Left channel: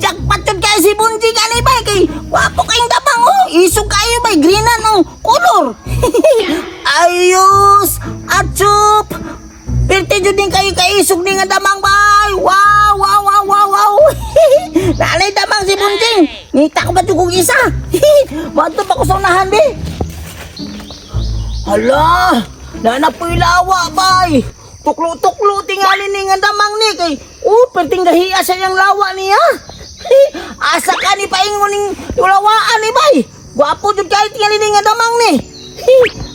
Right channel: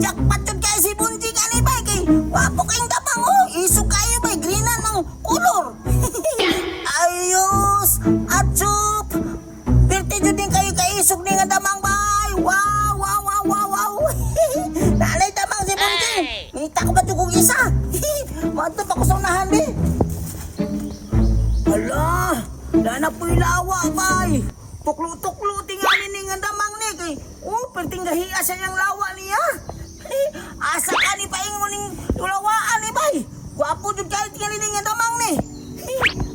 Jackpot yun kayo si Bunjing ani bay kay wapo kayong damang oh. Isog kayo bay, greenan ng color. Ayos, atsup. Pirte jud din kayo kaisog ni nga damang bay. Wow, wow, wow, wow, wow. Nanay damang si Bunjing. Nita ko ba ito kong isa? Mato pa ko sa unahan be. Hala, nana po'y lawa bay. Tuklo-tuklo tingali ni nga damang ni kay perting gahiya sa yang lawa niya. Asa ka ni paingon ning lawaan ni bay. Gwapo jud kay tingali ni nga damang ni.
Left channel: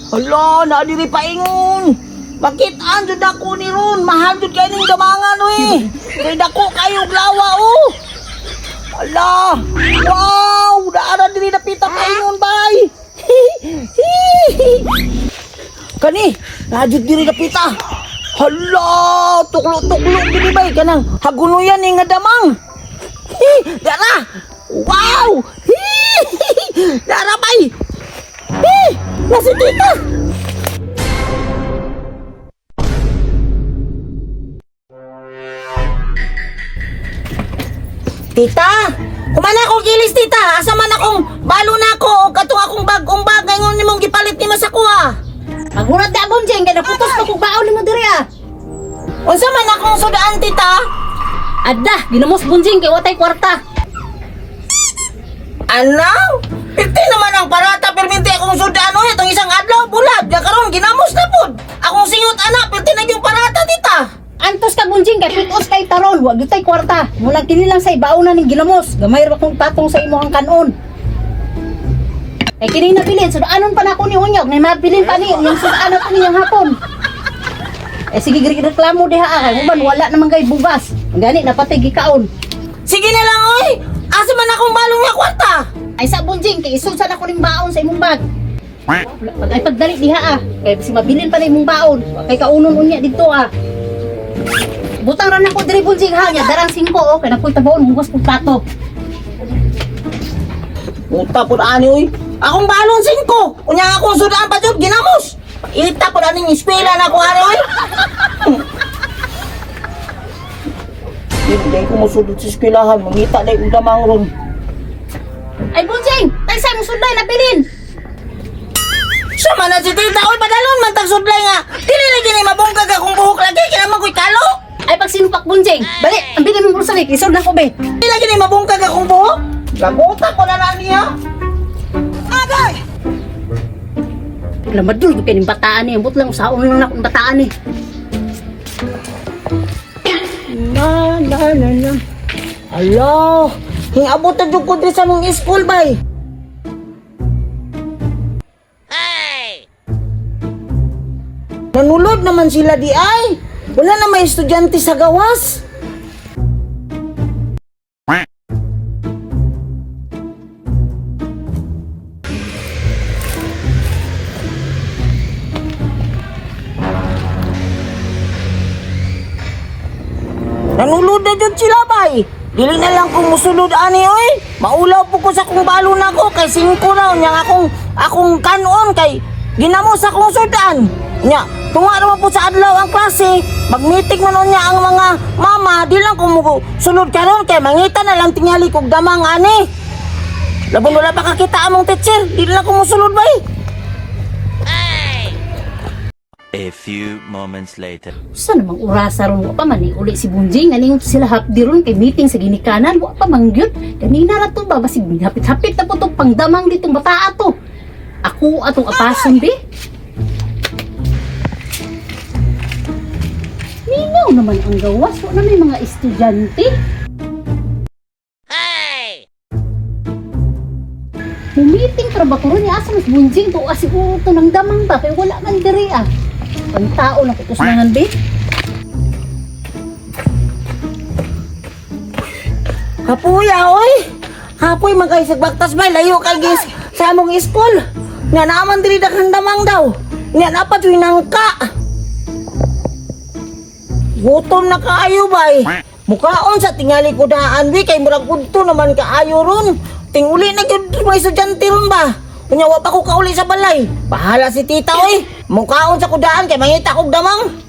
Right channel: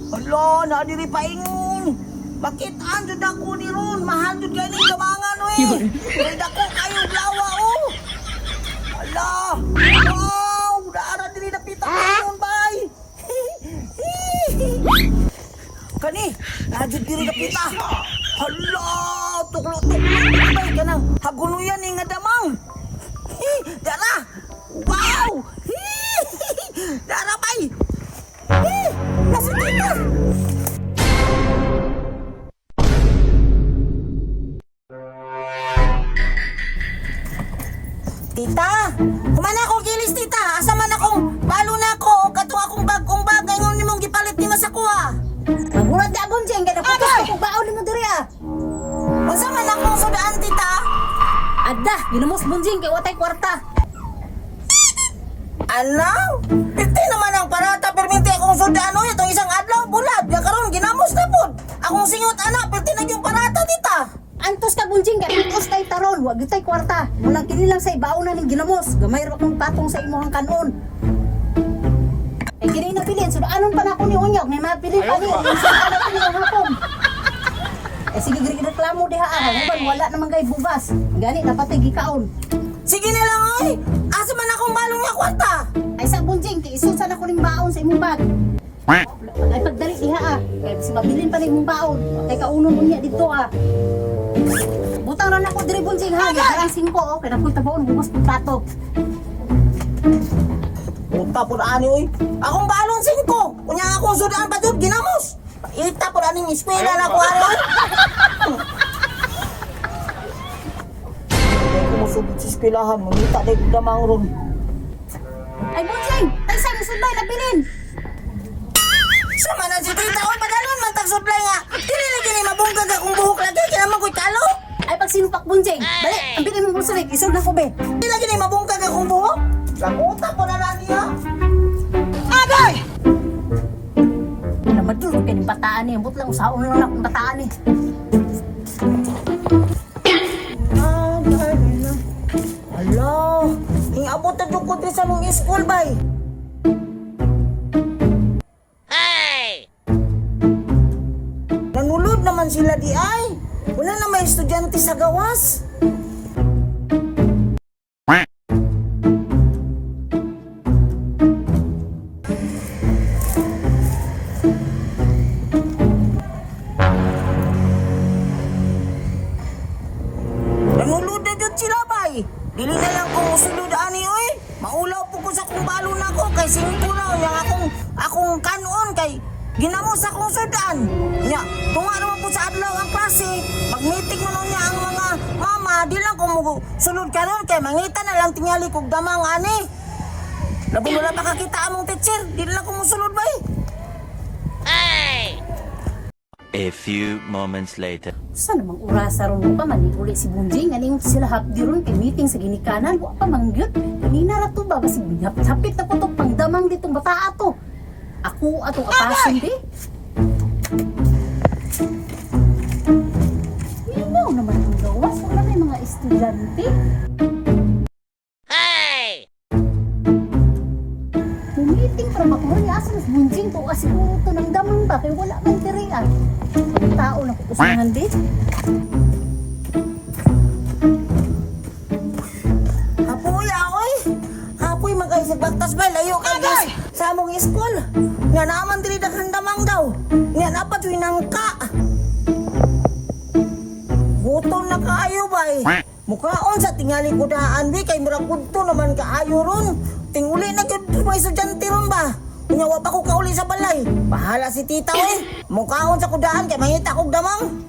Hala, na diri paingon. Makitaan jud ako ni ron, mahal jud kay ning damangan oy. Kay dako kayo lawa oh. Hala, wow, daara diri napita paingon bay. Kani, najud diri napita. Hala, tuklo-tuklo diri bay kanang hagunuyan ni nga damang. Dara. Wow! Dara bay. Nasa tita. Tita, kumana akong kilis tita. Asa man akong balo na ako o katong akong bagong bag ngayon nimong gipalit ni Masakuha. Magulat ka, Bunjing, kaya naputos ka kung baon mo diri ah. Unsa man akong sudaan tita? Adda, ginamos Bunjing, kaya watay kwarta. Anaw? Piti naman ang parata perminti akong sudaan o itong isang adlaw bulad. Ya karon ginamos na pud. Akong singot anak, piti na yung parata tita. Antos ka, Bunjing, kaya pitos kay taron, wag yun tay kwarta. Mula kini lang sa ibaon na ning ginamos, gamay ra kong patong sa imo ang kanon. Eh kini napilin, sudaanon pa na ako ni Unyog, may mapilin pa ni, yung sudaanon pa niyang hapon. Eh sige, reklamo diha ah, human wala naman kay bugas. Gani, napatay gikaon. Sige na lang oy. Asa man akong balong nga kwarta? Ay sa Bunjing, kay isusan ako ning baon sa imong bag. Ay pagdali diha ah, kay si mabilin pa na imong baon. Kay kaunon unya dito ah. Butang ra nako diri Bunjing ha, nya darang 5 oh, kay nakoy taboon hugas pud pato. Puta pud ani oy. Akong balong 5. Unya akong sudaan pa jud ginamos. Ita pud ani eskwela na ko ani oy. Hindi ko masudod sa eskwelahan, mamita na yung damang ron. Ay Bunjing, tagsa mo sudlay na bilin. Sama na si tita, oy padalon man tag sudlay nga. Dili na ginay mabungkag akong buhok lagi, kinaman ko'y kalo. Ay pag sinupak Bunjing, bali, ang bilin mong bulsa ni, isod na ko be. Dili na ginay mabungkag akong buhok. Gamutan ko na niya. Agay! Wala madul ko kayo ng bataan eh, ambot lang usaon lang akong bataan eh. Na. Alo, hingabot na dyan ko din sa mong school bay. Hey! Nanulod naman sila di ay. Wala na may estudyante sa gawas. Nanulod na dyan sila bay. Dili na lang kung musulod ani oy. Maulaw po ko sa kung balo na ko kay 5 na nya akong kanon kay ginamos akong sudan. Nya tunga naman po sa adlaw ang klase. Mag-meeting man niya ang mga mama, di lang ko sulod karon kay mangita na lang tingali kog damang ani. Labi wala pa kakita among teacher, di lang ko musulod bay. A few moments later. Saan namang urasa ron mo pa man uli si Bunjing, nalingon sila hapdi ron kay meeting sa ginikanan, wa pa mangyot. Kanina ra to ba, basig hapit-hapit na po itong pangdamang ditong bataa to. Ako atong apason be. Ningaw naman ang gawas, wala may mga estudyante. Meeting para ba ko ron, asa mas Bunjing to, asiguro to ng damang ba, kaya wala man diri ah. Ang tao na kukusangan be. Hapuya oy. Hapoy magkaisag bagtas bay layo kay gis sa among school. Nga naman diri daghang damang daw. Nga napat wi nangka. Gutom na kaayo bay. Mukaon sa tingali ko daan bi kay murag udto naman kaayo ron. Tinguli na gyud mga estudyante ron ba. Kunya wa pa ko kauli sa balay. Bahala si tita oy. Mukaon sa kudaan kay mangita kog damang.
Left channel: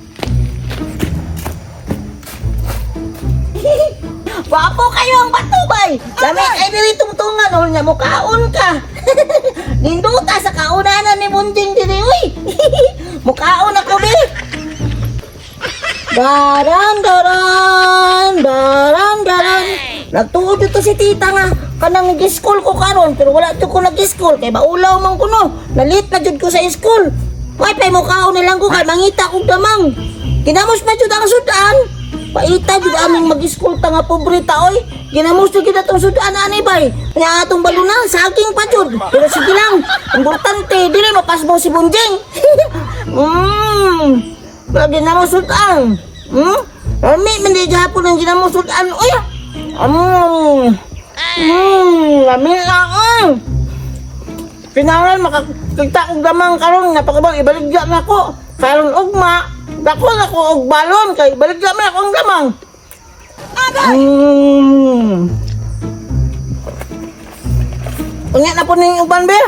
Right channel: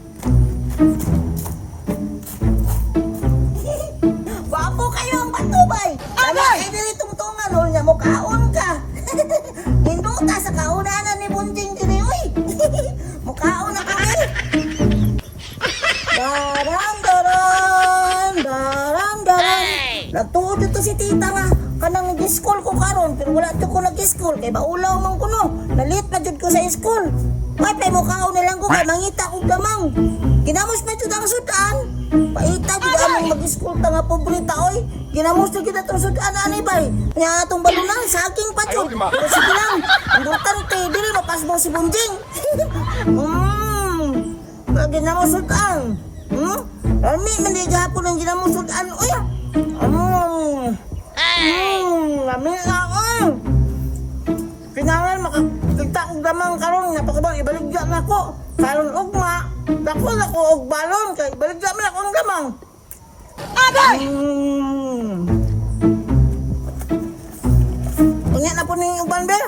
Wapo kayo ang patubay. bay. Dami ay diri tungtungan ol nga mukaon ka. Ninduta sa kaunanan ni Bunjing diri uy. Mukaon ako bi. Daran. Nagtuod ito si tita nga kanang nag-school ko karon pero wala to ko nag-school kay baulaw man ko no. Nalit na jud ko sa school. Why pay mukaon na lang ko kay mangita kog damang. Ginamos na jud ang sudan. Paita jud among mag-school ta nga pobreta oy. Ginamos jud kita tong sudan anay bay. Nya atong balunan saging pa jud. Pero sige lang. Importante dili mapasmo si Bunjing. Lagi na mo sudan. Ami mandi gihapon ang ginamos sudan oy. Lami lang. Pinangan makakita kong gamang karon nga pakabang ibaligya na ko. Karon ugma, dako na ko og balon kay ibaligya man akong gamang. Agay! Unya na po ning uban be.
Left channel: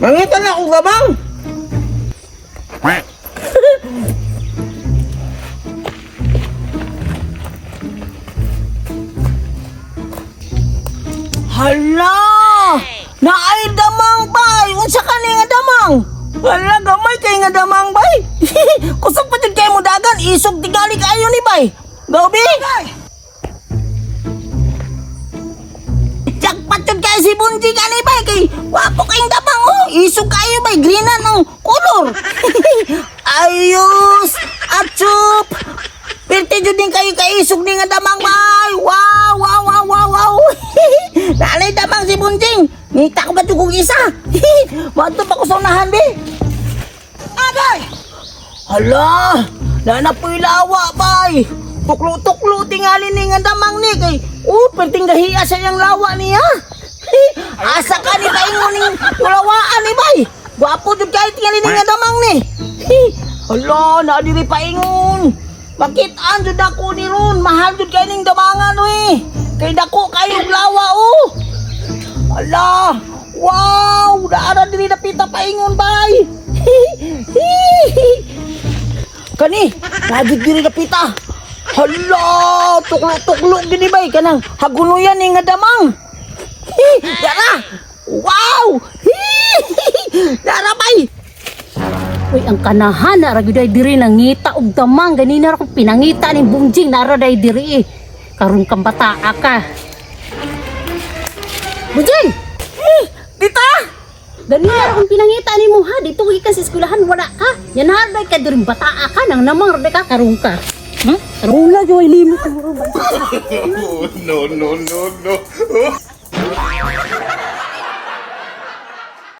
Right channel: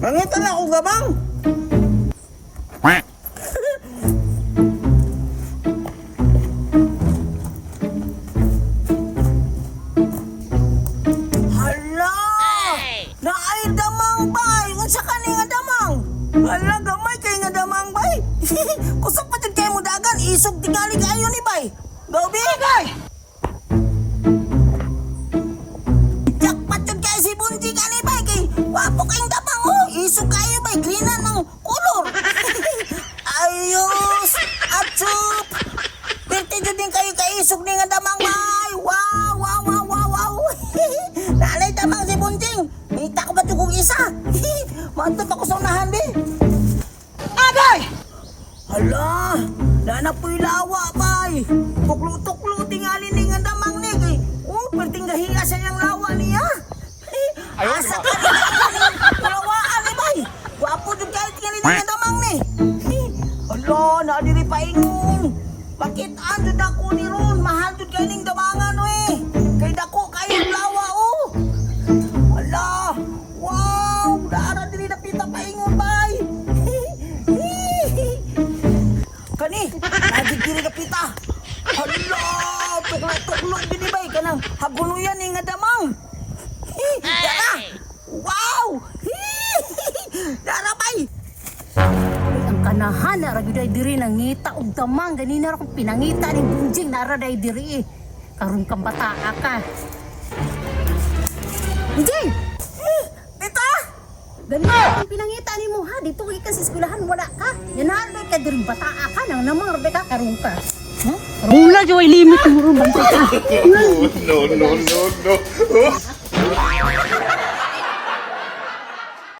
Mangita na akong gamang. Hala! Naay damang bay! Unsa ka ni nga damang? Hala, gamay kay nga damang bay! Kusog pa jud kay mo dagan, isog tigali kayo ni bay! Gabi! Jak pa jud kay si Bunjing ani bay kay wapo kayong damang oh! Isog kayo bay, greenan ang color! Ayos! Atsup! Pirti jud din kayo kaisog ni nga damang bay! Wow! Nanay damang si Bunjing! Nita ko ba ito kong isa? Manto pa ko sa unahan, be! Agay! Hala! Nana po'y lawa, bay! Tuklo-tuklo tingali ni nga damang ni kay penting gahiya sa yung lawa niya! Asa ka ni kaingon ni lawaan ni bay! Gwapo doon kahit tingali ni nga damang ni! Hala! Naadiri paingon! Makitaan doon ako ni Ron! Mahal doon kayo ning damangan, we! Kay dako kayong lawa, oh! Ala! Wow! Daara diri napita paingon bay! Kani! Najig diri napita! Hala! Tuklo-tuklo gini bay! Kanang hagunuyan ni nga damang! Dara! Wow! Dara bay! Uy, ang kanahan na ragiday diri nangita og damang ganina ra ko pinangita ning Bunjing nara day diri. Karon kang bataa ka. Bunjing! Tita! Ganina akong pinangita ni mo ha. Dito ka sa eskwelahan wala ka. Yan harday ka diri bataa ka nang namang raday ka karon ka. Karon la joy limit mo ron. No.